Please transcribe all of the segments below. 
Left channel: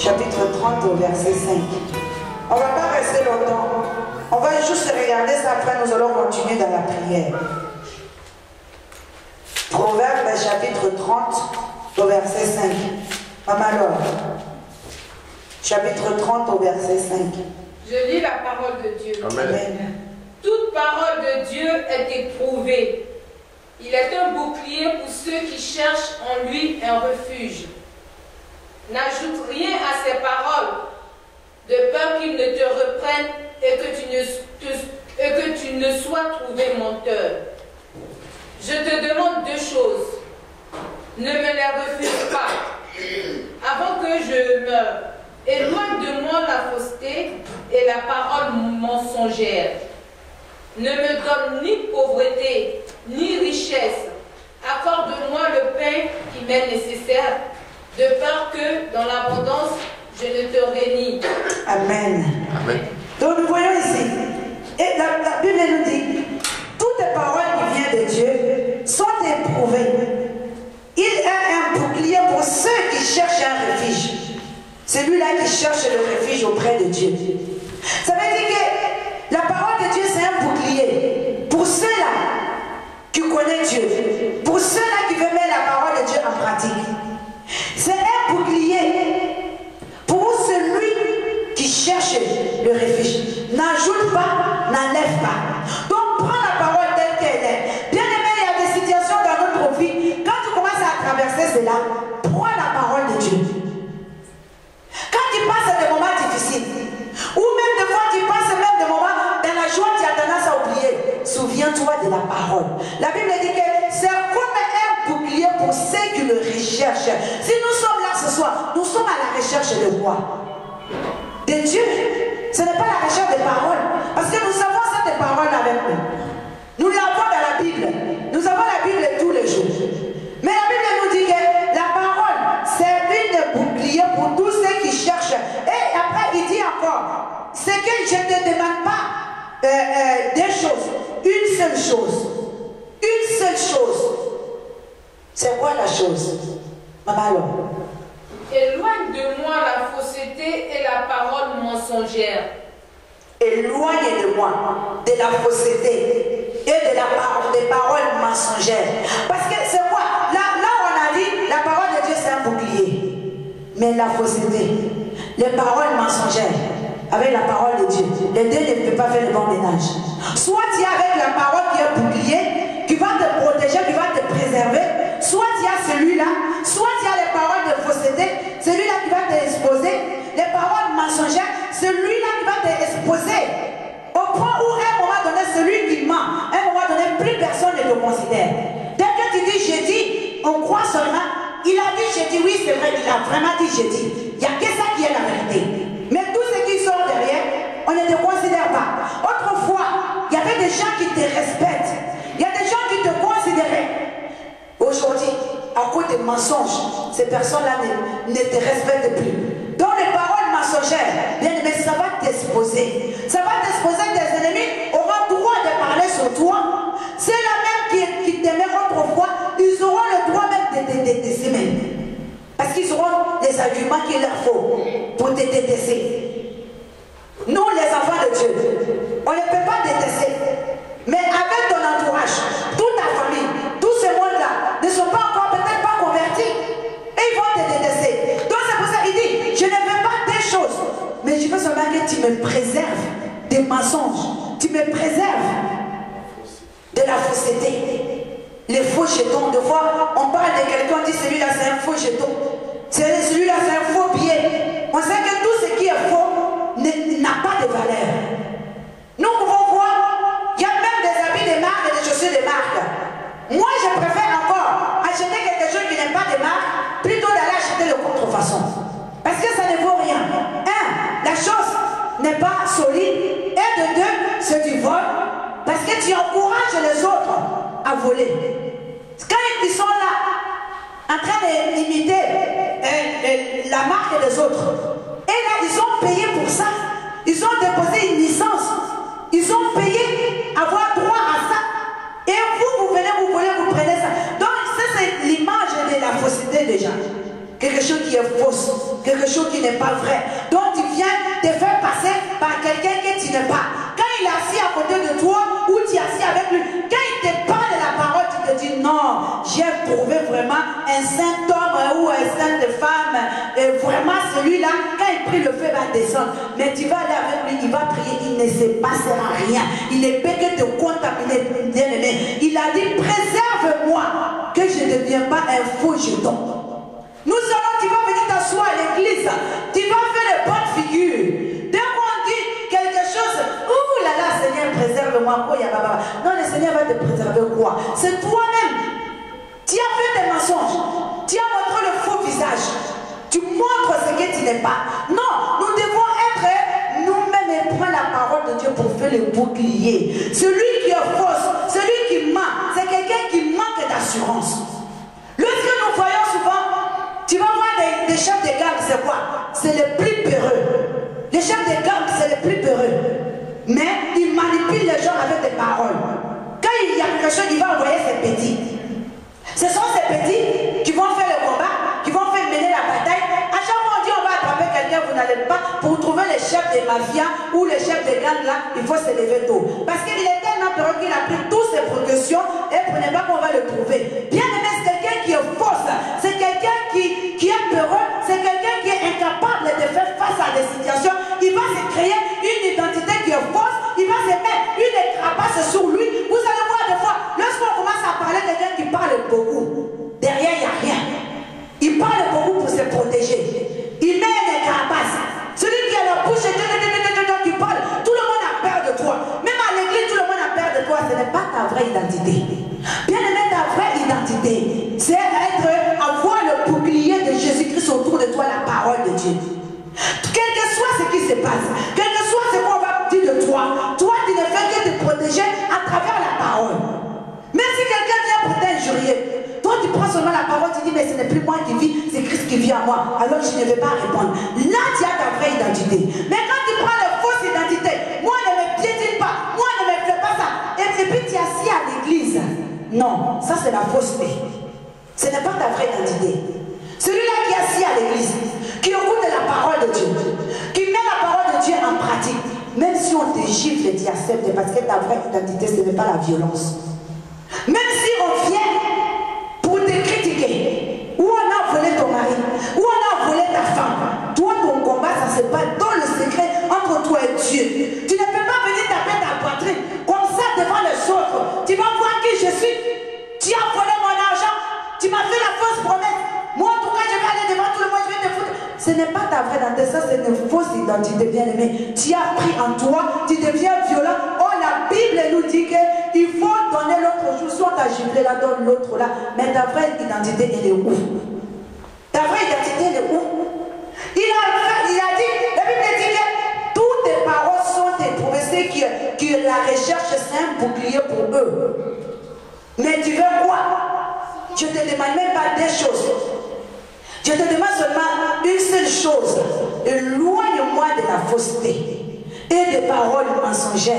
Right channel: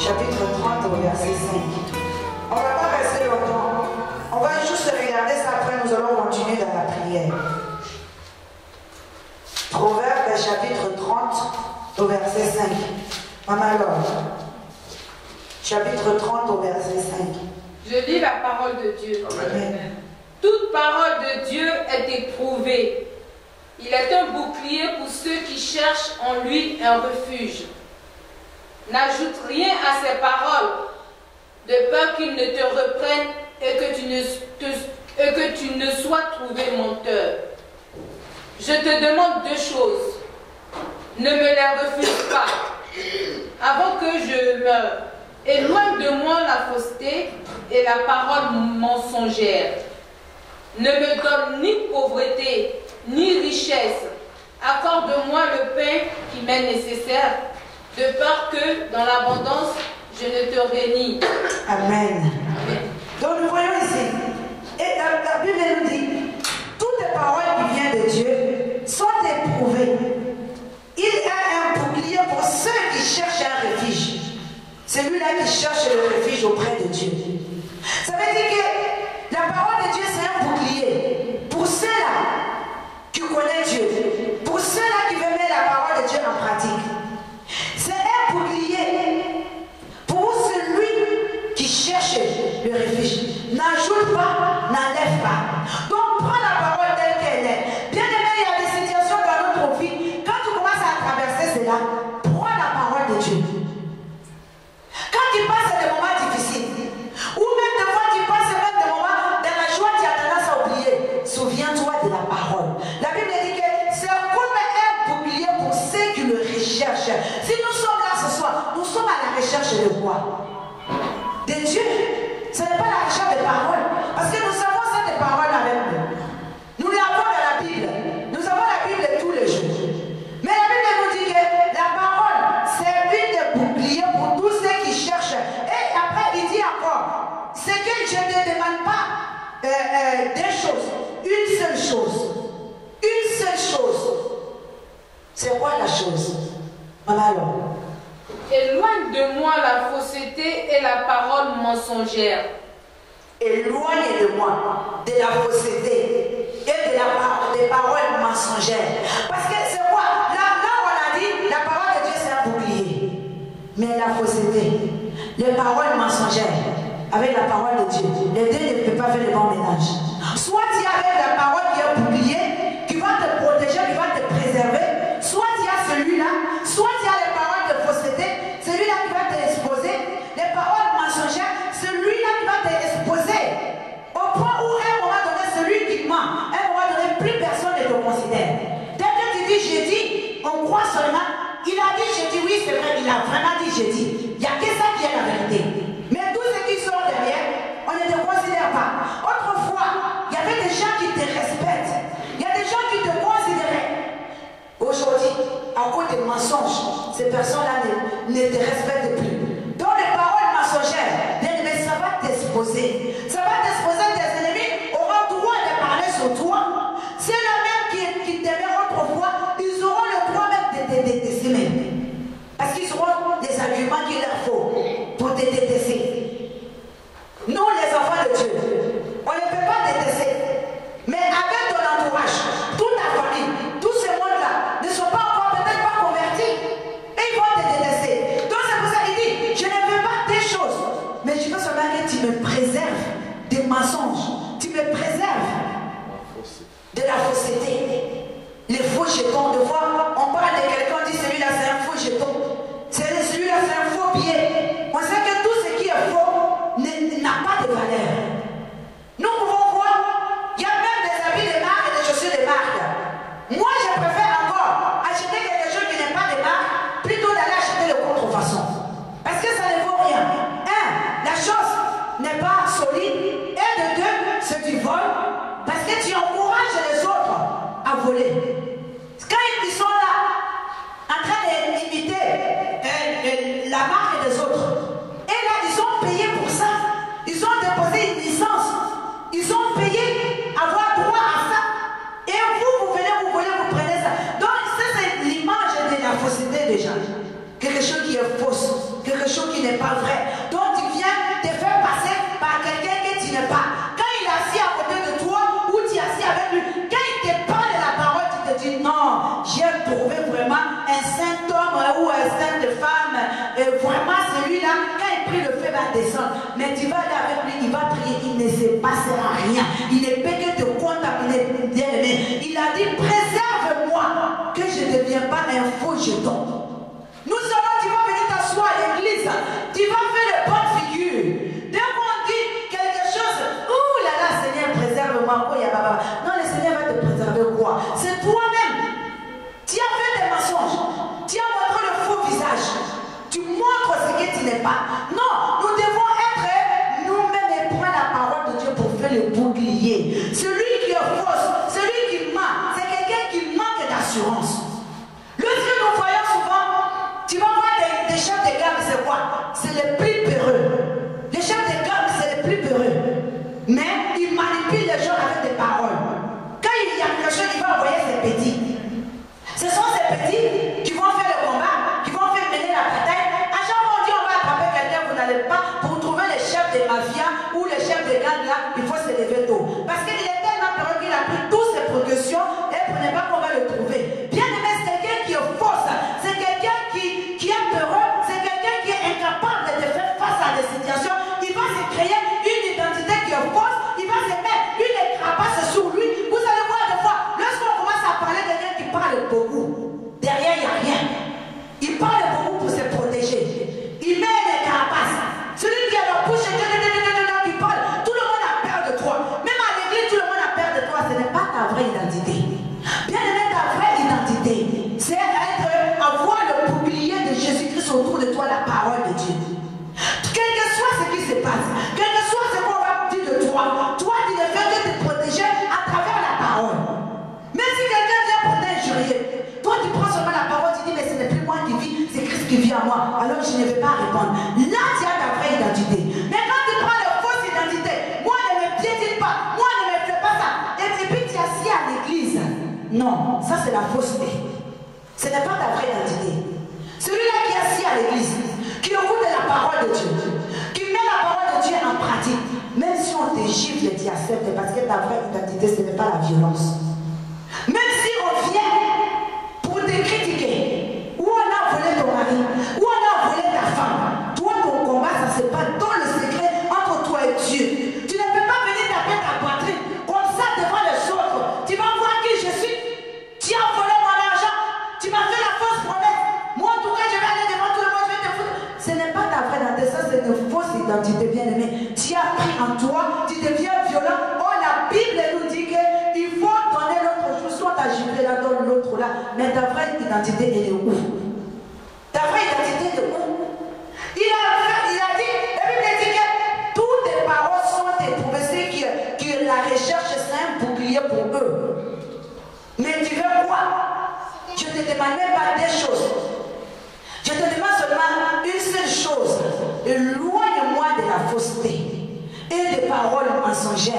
chapitre 30 au verset 5. On ne va pas rester longtemps. On va juste regarder ça, après nous allons continuer dans la prière. Proverbe chapitre 30 au verset 5. Maman Laure. Chapitre 30 au verset 5. Je lis la parole de Dieu. Amen. Toute parole de Dieu est éprouvée. Il est un bouclier pour ceux qui cherchent en lui un refuge. N'ajoute rien à ses paroles, de peur qu'il ne te reprenne et que tu ne sois trouvé menteur. Je te demande deux choses. Ne me les refuse pas. Avant que je meure, éloigne de moi la fausseté et la parole mensongère. Ne me donne ni pauvreté, ni richesse. Accorde-moi le pain qui m'est nécessaire, de peur que, dans l'abondance, je ne te réunis. Amen. Amen. Donc nous voyons ici, et la Bible nous dit, toutes les paroles qui viennent de Dieu sont éprouvées. Il est un bouclier pour ceux qui cherchent un refuge. Celui-là qui cherche le refuge auprès de Dieu. Ça veut dire que la parole de Dieu, c'est un bouclier pour ceux-là qui connaissent Dieu, pour ceux-là qui veulent mettre la parole de Dieu en pratique. C'est un bouclier pour celui qui cherche le refuge. N'ajoute pas, n'enlève pas. Donc prends la parole telle qu'elle est. Bien aimé, il y a des situations dans notre vie. Quand tu commences à traverser cela, prends la parole de Dieu. Quand tu passes des moments difficiles, ou même des fois tu passes même des moments dans la joie, tu as tendance à oublier. Souviens-toi de la parole. La Bible dit que c'est comme un bouclier pour ceux qui le recherchent. Si nous sommes là ce soir, nous sommes à la recherche de quoi? De Dieu. Ce n'est pas la recherche des paroles. Parce que nous avons cette parole avec nous. Nous l'avons dans la Bible. Nous avons la Bible tous les jours. Mais la Bible nous dit que la parole, c'est une bouclier pour tous ceux qui cherchent. Et après, il dit encore, c'est que je ne te demande pas des choses. Une seule chose. Une seule chose. C'est quoi la chose? Maman alors. Éloigne de moi la fausseté et la parole mensongère. Éloigne de moi de la fausseté et de des paroles mensongères. Parce que c'est quoi? Là, on a dit, la parole de Dieu, c'est un bouclier. Mais la fausseté, les paroles mensongères, avec la parole de Dieu, les deux ne peuvent pas faire le bon ménage. Soit tu es avec la parole qui est un bouclier, qui va te protéger, qui va te préserver. Soit tu as celui-là, soit tu as les paroles de fausseté, celui-là qui va t'exposer. Les paroles mensongères, celui-là qui va t'exposer. Au point où, à un moment donné, celui qui ment, à un moment donné, plus personne ne te considère. Dès que tu dis j'ai dit, on croit seulement. Il a dit j'ai dit, oui, c'est vrai, il a vraiment dit j'ai dit. Il n'y a que ça qui est la vérité. Mais tous ceux qui sont derrière, on ne te considère pas. Autrefois, il y avait des gens qui te respectent. Il y a des gens qui te considéraient. Aujourd'hui, à cause des mensonges, ces personnes-là ne te respectent plus. Donc les paroles mensongères, bien aimé, ça va t'exposer. Ça va t'exposer, tes ennemis auront droit de parler sur toi. Ceux-là même qui t'aimaient autrefois, ils auront le droit même de te détester. Parce qu'ils auront des arguments qu'il leur faut pour te détester. Nous, les enfants de Dieu, on ne peut pas détester. Mais avec ton entourage, toute ta famille, tous ces mondes-là ne sont pas encore peut-être pas convertis. Et ils vont te détester. Donc c'est pour ça qu'il dit, je ne veux pas des choses. Mais je veux seulement que tu me préserves des mensonges. Tu me préserves de la fausseté. Les faux jetons. De fois, on parle de quelqu'un, on dit celui-là c'est un faux jeton. Celui-là c'est un faux billet. On sait que tout ce qui est faux n'a pas de valeur. Nous pouvons voir, il y a même des habits de marque et des chaussures de marque. Moi, je préfère encore acheter quelque chose qui n'est pas de marque plutôt d'aller acheter le contrefaçon. Parce que ça ne vaut rien. Un, la chose n'est pas solide. Et de deux, c'est du vol. Parce que tu encourages les autres à voler. Quand ils sont là, en train d'imiter la marque des autres, et là, ils ont payé pour ça. Ils ont déposé une licence. Ils ont payé, avoir droit à ça. Et vous venez, vous voulez, vous prenez ça. Donc, ça, c'est l'image de la fausseté des gens. Quelque quelque chose qui est fausse, quelque chose qui n'est pas vrai. Donc tu viens te faire passer par quelqu'un que tu n'es pas. Quand il est assis à côté de toi ou tu es assis avec lui, quand il te parle de la parole, tu te dis non, j'ai trouvé vraiment un saint homme ou un sainte femme. Et vraiment celui-là, quand il prie, le feu va descendre. Mais tu vas aller avec lui, il va prier, il ne se passera rien. Il ne peut que te contaminer, bien-aimé. Il a dit, préserve-moi, que je ne devienne pas un faux jeton. Nous savons, tu vas venir t'asseoir à l'église, tu vas faire les bonnes figures. Dès qu'on dit quelque chose, ouh là là, Seigneur, préserve-moi. Non, le Seigneur va te préserver quoi? C'est toi-même. Tu as fait des mensonges. Tu as montré le faux visage. Tu montres ce que tu n'es pas. Non, nous devons être nous-mêmes et prendre la parole de Dieu pour faire le bouclier. Celui qui est fausse, celui qui ment, c'est quelqu'un qui manque d'assurance. Lorsque nous voyons souvent, tu vas voir des chefs de gang, c'est quoi? C'est les plus peureux. Les chefs de gang, c'est les plus peureux. Mais ils manipulent les gens avec des paroles. Quand il y a quelque chose, il va envoyer ses petits. Ce sont ces petits qui vont faire le combat, qui vont faire mener la bataille. À chaque fois on dit on va attraper quelqu'un, vous n'allez pas. Pour trouver les chefs des mafias ou les chefs des gangs là, il faut se lever tôt. Parce qu'il est tellement peureux qu'il a pris toutes ses précautions et pour ne pas qu'on va le trouver. Bien aimé, c'est quelqu'un qui est fausse, c'est quelqu'un qui est peureux, c'est quelqu'un qui est incapable de faire face à des situations. Il va se créer une identité qui est fausse, il va se mettre une carapace sur lui. Vous allez voir des fois, lorsqu'on commence à parler de quelqu'un qui parle beaucoup, derrière il n'y a rien. Il parle beaucoup pour se protéger. Il met une carapace. Celui qui a la bouche qui parle, tout le monde a peur de toi. Même à l'église, tout le monde a peur de toi. Ce n'est pas ta vraie identité. Bien aimé, ta vraie identité, c'est avoir le bouclier de Jésus-Christ autour de toi, la parole de Dieu. Quel que soit ce qui se passe, quel que soit ce qu'on va dire de toi, toi tu ne fais que te protéger à travers la parole. Même si quelqu'un vient pour t'injurier, toi tu prends seulement la parole, tu dis mais ce n'est plus moi qui vis, c'est Christ qui vit en moi, alors je ne vais pas répondre. Là tu as ta vraie identité. Mais quand tu prends la fausse identité, moi ne me piétine pas, moi ne me fais pas ça, et puis tu es assis à l'église. Non, ça c'est la fausseté. Ce n'est pas ta vraie identité. Celui-là qui est assis à l'église, qui écoute la parole de Dieu, qui met la parole de Dieu en pratique, même si on te gifle, tu acceptes, parce que ta vraie identité, ce n'est pas la violence. Même si on vient pour te critiquer, ou on a volé ton mari, ou on a volé ta femme, toi ton combat, ça se passe dans le secret entre toi et Dieu. Tu ne peux pas venir taper ta poitrine comme ça devant les autres. Tu vas voir qui je suis. Tu as volé mon argent, tu m'as fait la fausse promesse. Moi, en tout cas, je vais aller devant tout le monde, je vais te foutre. Ce n'est pas ta vraie identité, ça c'est une fausse identité, bien aimée. Tu as pris en toi, tu deviens violent. Oh, la Bible nous dit qu'il faut donner l'autre jour, soit ta giflé là, donne l'autre là. Mais ta vraie identité, elle est où? Ta vraie identité, elle est où? Il a dit, la Bible dit que toutes tes paroles sont éprouvées. Ceux qui la recherche, c'est un bouclier pour eux. Mais tu veux quoi? Je ne te demande même pas des choses. Je te demande seulement une seule chose. Éloigne-moi de la fausseté et des paroles mensongères.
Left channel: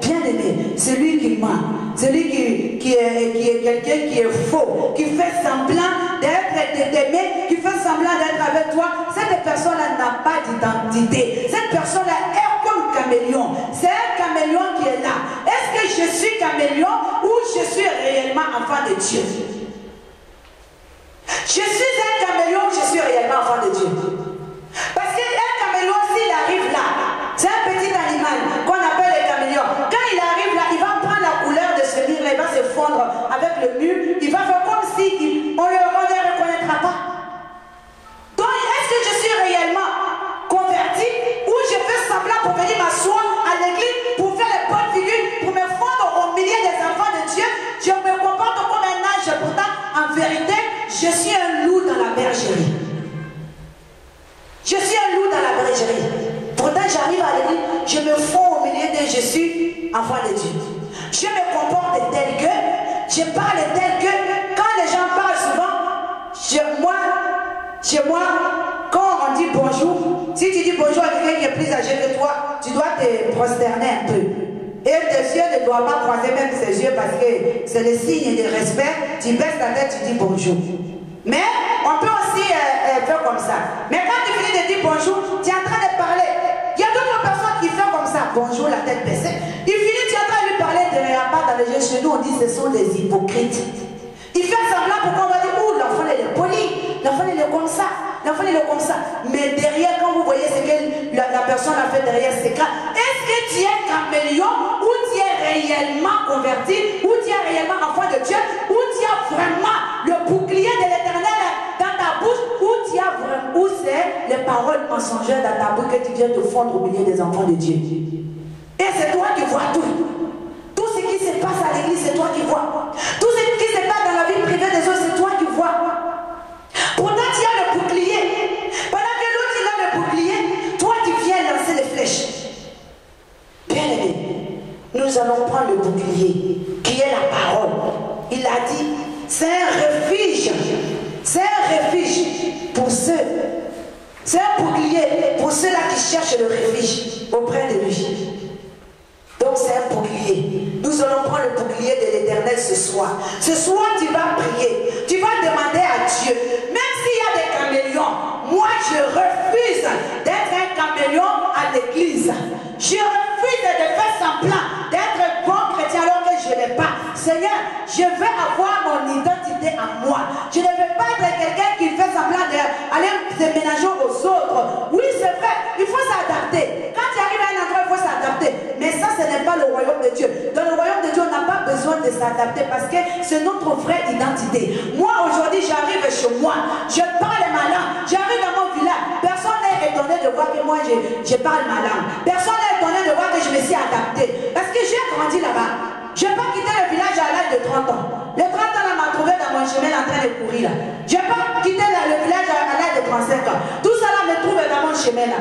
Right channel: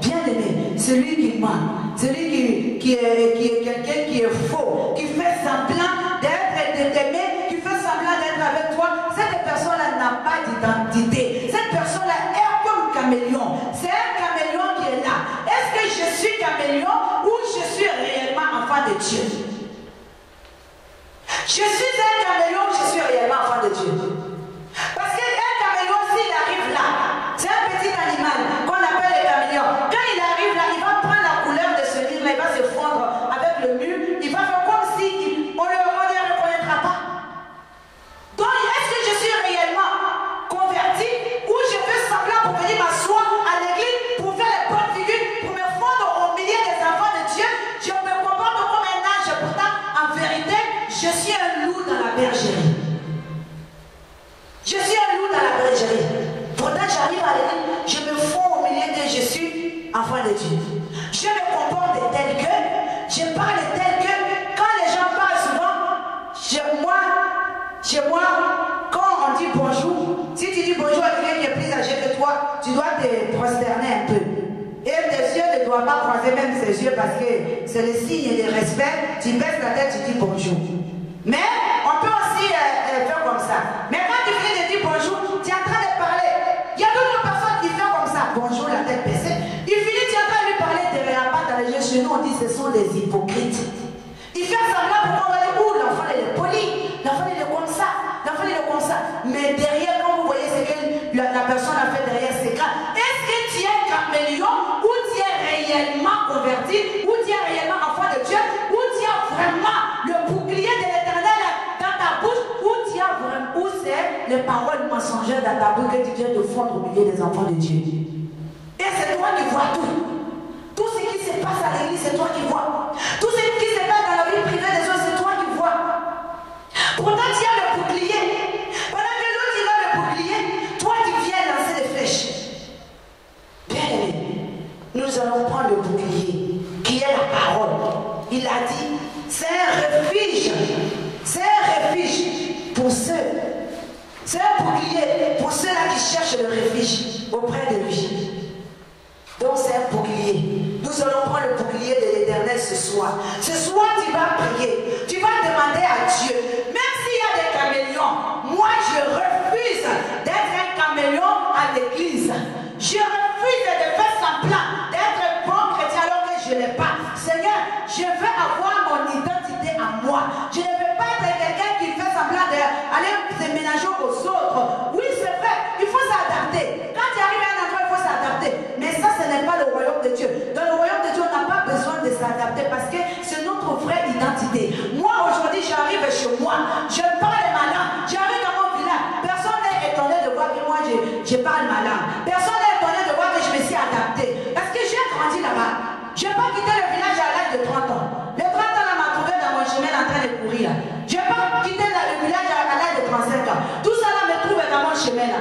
Bien aimé, celui qui ment, celui qui est quelqu'un qui est faux, qui fait semblant d'être t'aimer, qui fait semblant d'être avec toi, cette personne-là n'a pas d'identité. Cette personne-là est comme caméléon. C'est un caméléon qui est là. Est-ce que je suis caméléon ou je suis réellement enfant de Dieu? Je suis un caméléon, je suis réellement enfant de Dieu. Parce qu'un caméléon, s'il arrive là, c'est un petit animal qu'on appelle le caméléon. Quand il arrive là, il va prendre la couleur de ce mur, il va se fondre avec le mur, il va faire comme si on ne le reconnaîtra pas. Donc, est-ce que je suis réellement converti ou je fais semblant pour venir m'asseoir à l'église pour faire les bonnes figures, pour me fondre au milieu des enfants de Dieu? Je me comporte comme un ange, pourtant, en vérité, je suis un loup dans la bergerie. Je suis un loup dans la bergerie. Pourtant, j'arrive à l'église, je me fonds au milieu de je suis enfant de Dieu. Je me comporte tel que, je parle tel que, quand les gens parlent souvent, chez moi, quand on dit bonjour, si tu dis bonjour à quelqu'un qui est plus âgé que toi, tu dois te prosterner un peu. Et tes yeux ne doivent pas croiser même ses yeux parce que c'est le signe de respect. Tu baisses ta tête, tu dis bonjour. Mais on peut aussi faire comme ça. L'enfant, il est comme ça. Mais derrière, quand vous voyez ce que la personne a fait derrière, c'est grave. Est-ce que tu es caméléon ou tu es réellement converti, ou tu es réellement enfant de Dieu, ou tu as vraiment le bouclier de l'Éternel dans ta bouche, ou tu as vraiment, ou c'est les paroles mensongères dans ta bouche que tu viens de fondre au milieu des enfants de Dieu. Et c'est toi qui vois tout. Tout ce qui se passe à l'église, c'est toi qui vois. Tout ce qui se passe dans la vie privée des autres, c'est toi qui vois. Pourtant, tu as le bouclier. Pendant que l'autre, il a le bouclier, toi, tu viens lancer les flèches. Bien aimé, nous allons prendre le bouclier, qui est la parole. Il a dit, c'est un refuge. C'est un refuge pour ceux. C'est un bouclier pour ceux-là qui cherchent le refuge auprès de lui. Donc c'est un bouclier. Nous allons prendre le bouclier de l'Éternel ce soir. Ce soir, tu vas prier. Tu vas demander à Dieu. Même s'il y a des caméléons, moi je refuse d'être un caméléon à l'église. Je refuse de faire semblant d'être un bon chrétien alors que je ne l'ai pas. Seigneur, je veux avoir mon identité à moi. Je ne veux pas être quelqu'un qui fait semblant d'aller déménager aux autres. Oui, c'est vrai, il faut s'adapter. Quand tu arrives à un endroit, il faut s'adapter. Mais ça, ce n'est pas le royaume de Dieu. Dans le royaume de Dieu, on n'a pas besoin de s'adapter parce que c'est notre vraie identité. Moi, aujourd'hui, j'arrive chez moi. Je parle ma langue. J'arrive dans mon village. Personne n'est étonné de voir que moi, je parle ma langue. Personne n'est étonné de voir que je me suis adapté. Parce que j'ai grandi là-bas. Je n'ai pas quitté le village à l'âge de 30 ans. Les 30 ans, on m'a trouvé dans mon chemin en train de courir là. Je n'ai pas quitté le village à l'âge de 35 ans. Tout ça là me trouve dans mon chemin là.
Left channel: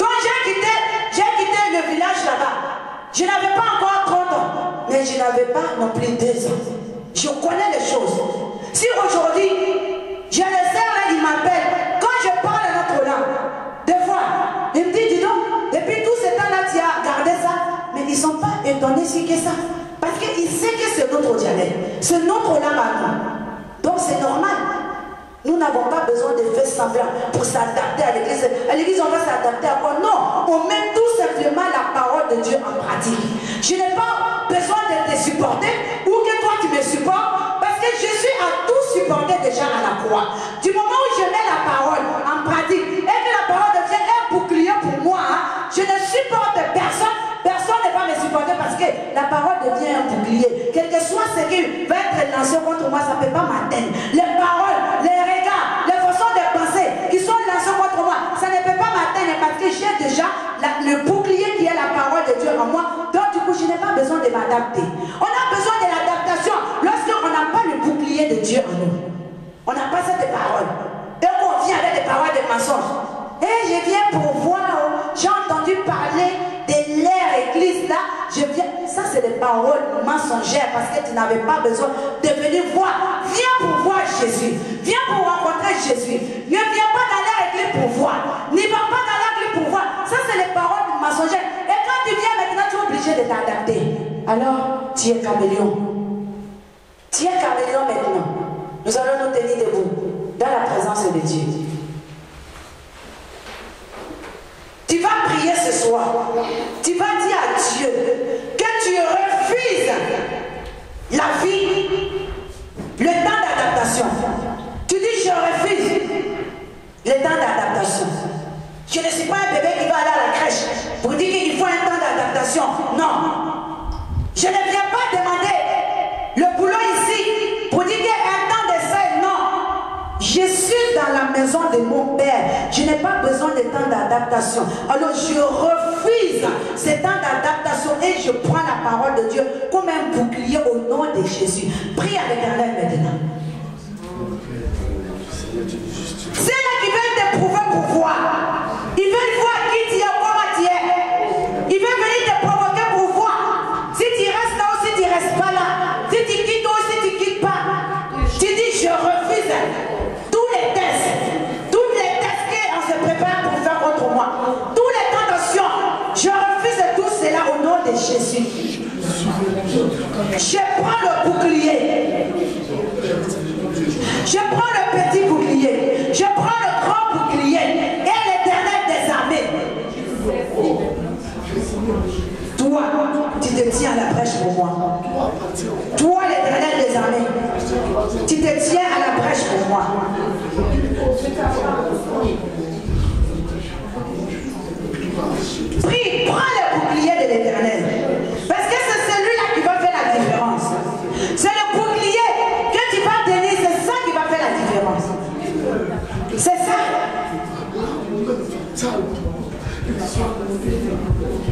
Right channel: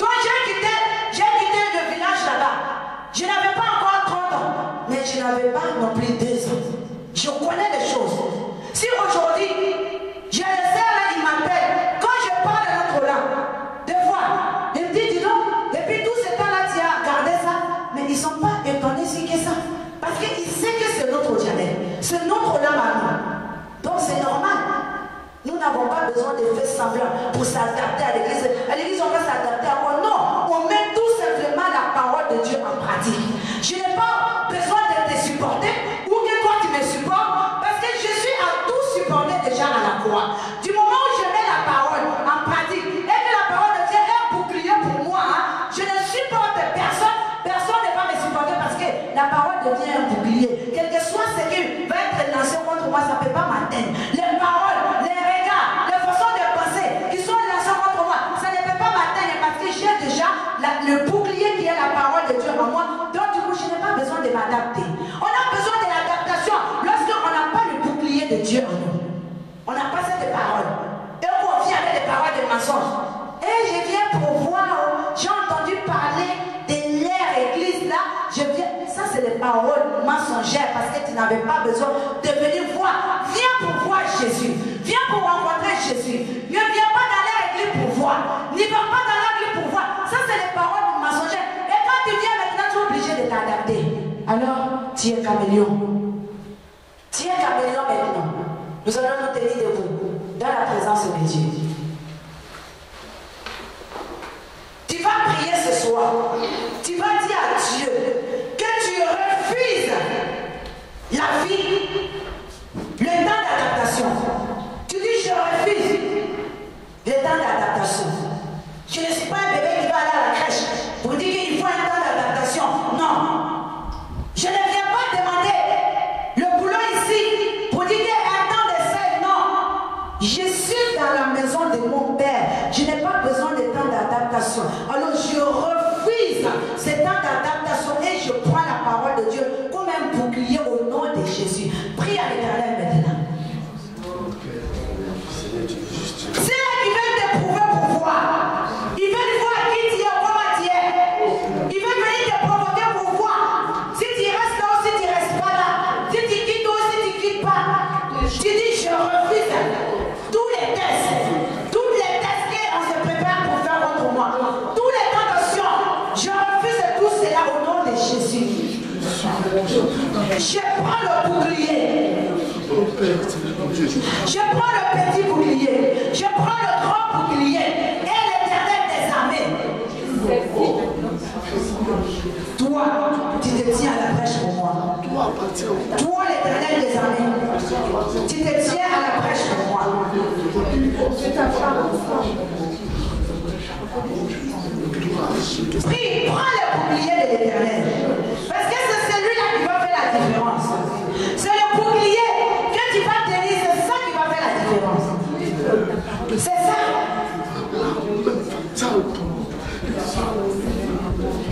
Donc j'ai quitté le village là-bas. Je n'avais pas encore 30 ans. Mais je n'avais pas non plus 2 ans. Je connais les choses. Si aujourd'hui, j'ai les sœurs là, ils m'appellent. Quand je parle notre langue, des fois, ils me disent, dis donc, depuis tout ce temps-là, tu as gardé ça. Mais ils ne sont pas étonnés si que ça. Parce qu'ils savent que c'est notre dialecte. C'est notre langue à nous. Donc c'est normal. Nous n'avons pas besoin de faire semblant pour s'adapter à l'église. À l'église, on va s'adapter à quoi? Non, on met tout simplement la parole de Dieu en pratique. Je n'ai pas besoin de te supporter ou que toi tu me supportes parce que je suis à tout supporter déjà à la croix. Du moment où je mets la parole en pratique et que la parole de Dieu est un bouclier pour moi, je ne supporte personne. Personne ne va me supporter parce que la parole de Dieu est un bouclier. Quel que soit ce qui va être lancé contre moi, ça ne peut pas m'atteindre. Les paroles, les regards, les façons de penser qui sont lancées contre moi, ça ne peut pas m'atteindre parce que j'ai déjà le bouclier qui est la parole de Dieu en moi. Donc du coup, je n'ai pas besoin de m'adapter. On a besoin de l'adaptation lorsqu'on n'a pas le bouclier de Dieu en nous. On n'a pas cette parole. Et on vient avec des paroles de mensonges. Et je viens pour voir, j'ai entendu parler de l'ère église là, je viens, ça c'est des paroles mensongères parce que tu n'avais pas besoin de venir voir. Viens pour voir Jésus, viens pour rencontrer Jésus. Ne viens pas dans l'ère église pour voir, n'y va pas dans l'ère église pour voir. Ça c'est les paroles mensongères. Et quand tu viens maintenant, tu es obligé de t'adapter. Alors, tu es caméléon. Tu es caméléon maintenant. Nous allons nous tenir debout dans la présence de Dieu. Tu vas prier ce soir. Tu vas dire à Dieu que tu refuses la vie, le temps d'adaptation. Tu dis je refuse le temps d'adaptation. Je ne suis pas un bébé qui va aller à la crèche pour dire qu'il faut un temps d'adaptation. Non. Je ne viens pas demander le boulot ici pour dire qu'il y a un temps d'essai. Non. Je suis dans la maison de mon Père. Je n'ai pas besoin de temps d'adaptation. Alors je refuse ce temps d'adaptation et je prends la parole de Dieu comme un bouclier au nom de Jésus. Prie à l'Éternel maintenant. C'est là qu'ils veulent t'éprouver pour voir. Ils veulent voir qui tu es, comment tu es. Ils veulent venir te provoquer pour voir. Si tu restes là ou si tu ne restes pas là. Si tu quittes ou si tu ne quittes pas. Tu dis je refuse tous les tests. Toutes les tests qu'on se prépare pour faire contre moi. Tous les tentations. Je refuse tout cela au nom de Jésus. Je prends le bouclier. Je prends le petit bouclier. Je prends le grand bouclier. Et l'Éternel des armées. Toi, tu te tiens à la brèche pour moi. Toi, l'Éternel des armées. Tu te tiens à la brèche pour moi.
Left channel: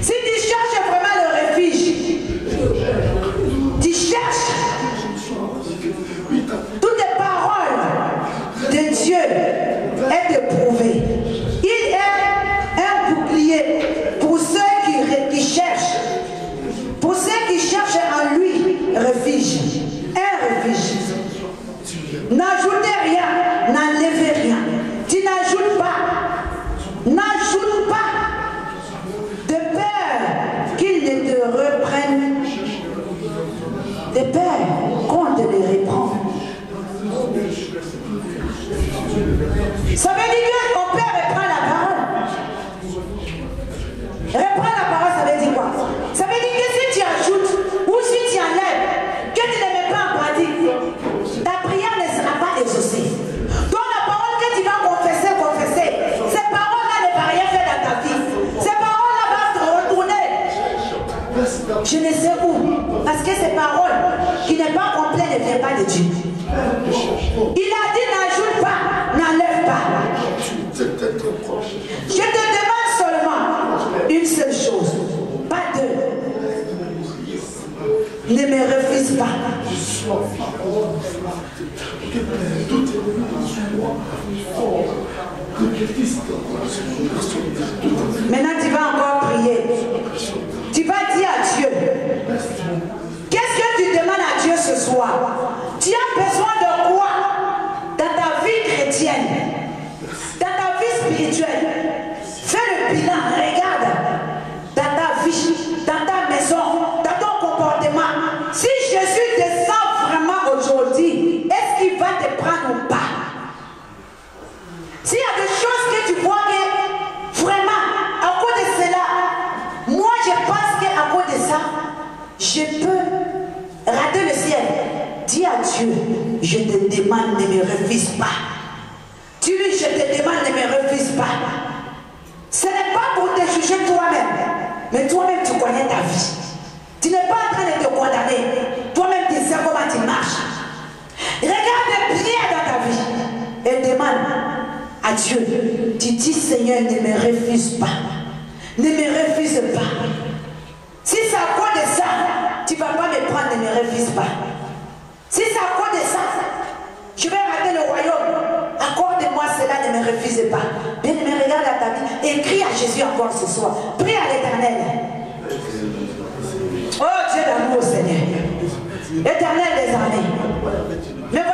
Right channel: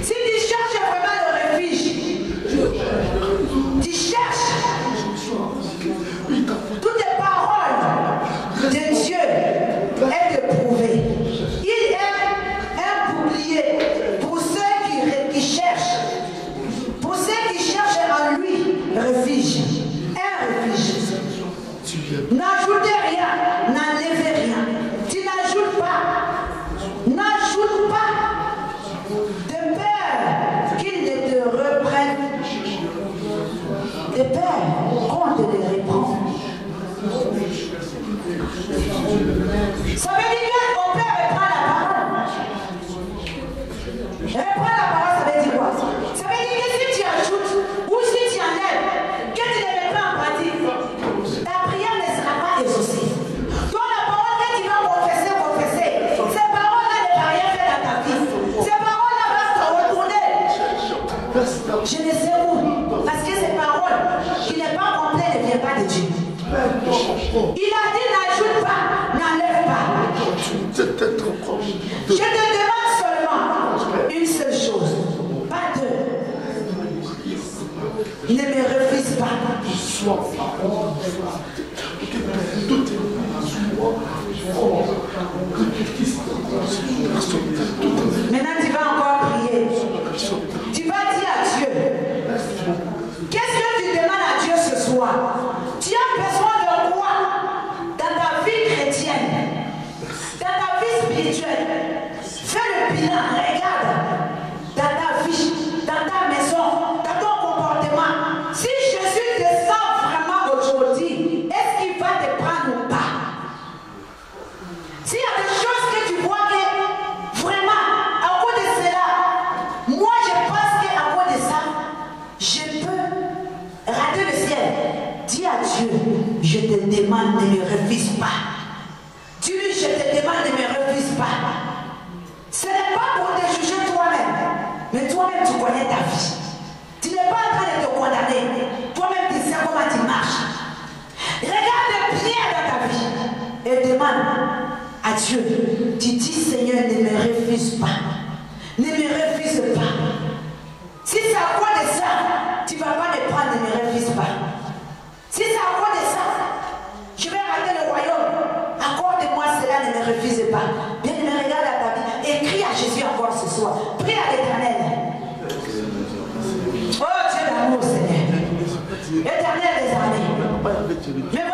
Si tu cherches vraiment le refuge, tu cherches toutes les paroles de Dieu est éprouvé. Il est un bouclier pour ceux qui cherchent. Pour ceux qui cherchent en lui refuge. Un refuge. N'ajoutez rien, n'enlevez rien. Tu n'ajoutes pas. N'ajoute pas. De peur qu'ils ne te reprennent. De peur qu'on te les reprend. Ça veut dire qu'on peut reprendre la parole. Reprendre la parole, ça veut dire quoi? Ça veut dire que si tu ajoutes ou si tu enlèves, que tu ne mets pas en pratique, ta prière ne sera pas exaucée. Donc la parole que tu vas confesser, ces paroles-là ne vont rien faire dans ta vie. Ces paroles-là vont te retourner. Je ne sais où. Parce que ces paroles qui n'est pas complète ne viennent pas de Dieu. Il a dit n'ajoute pas, n'enlève pas. Je te demande seulement une seule chose, pas deux. Ne me refuse pas. Maintenant tu vas encore prier. Tu vas dire à Dieu. Qu'est-ce que tu demandes à Dieu ce soir? Tu as besoin de quoi dans ta vie chrétienne, dans ta vie spirituelle? Fais le bilan, regarde dans ta vie, dans ta maison, dans ton comportement. Si Jésus descend vraiment aujourd'hui, est-ce qu'il va te prendre ou pas? S'il y a des choses que tu vois que vraiment, à cause de cela, moi je pense qu'à cause de ça, je peux rater le ciel. Dis à Dieu, je te demande, ne me refuse pas. Dis-lui, je te demande, ne me refuse pas. Ce n'est pas pour te juger toi-même, mais toi-même tu connais ta vie. Tu n'es pas en train de te condamner. Toi-même tu sais comment tu marches. Regarde bien dans ta vie et demande à Dieu. Tu dis, Seigneur, ne me refuse pas. Ne me refuse pas. Si c'est à cause de ça, tu ne vas pas me prendre, ne me refuse pas. Si c'est à cause de ça, je vais rater le royaume. Accorde-moi cela, ne me refuse pas. Bien, me regarde à ta vie et crie à Jésus encore ce soir. Prie à l'Éternel. Oh Dieu d'amour, Seigneur. Éternel des armées. Mais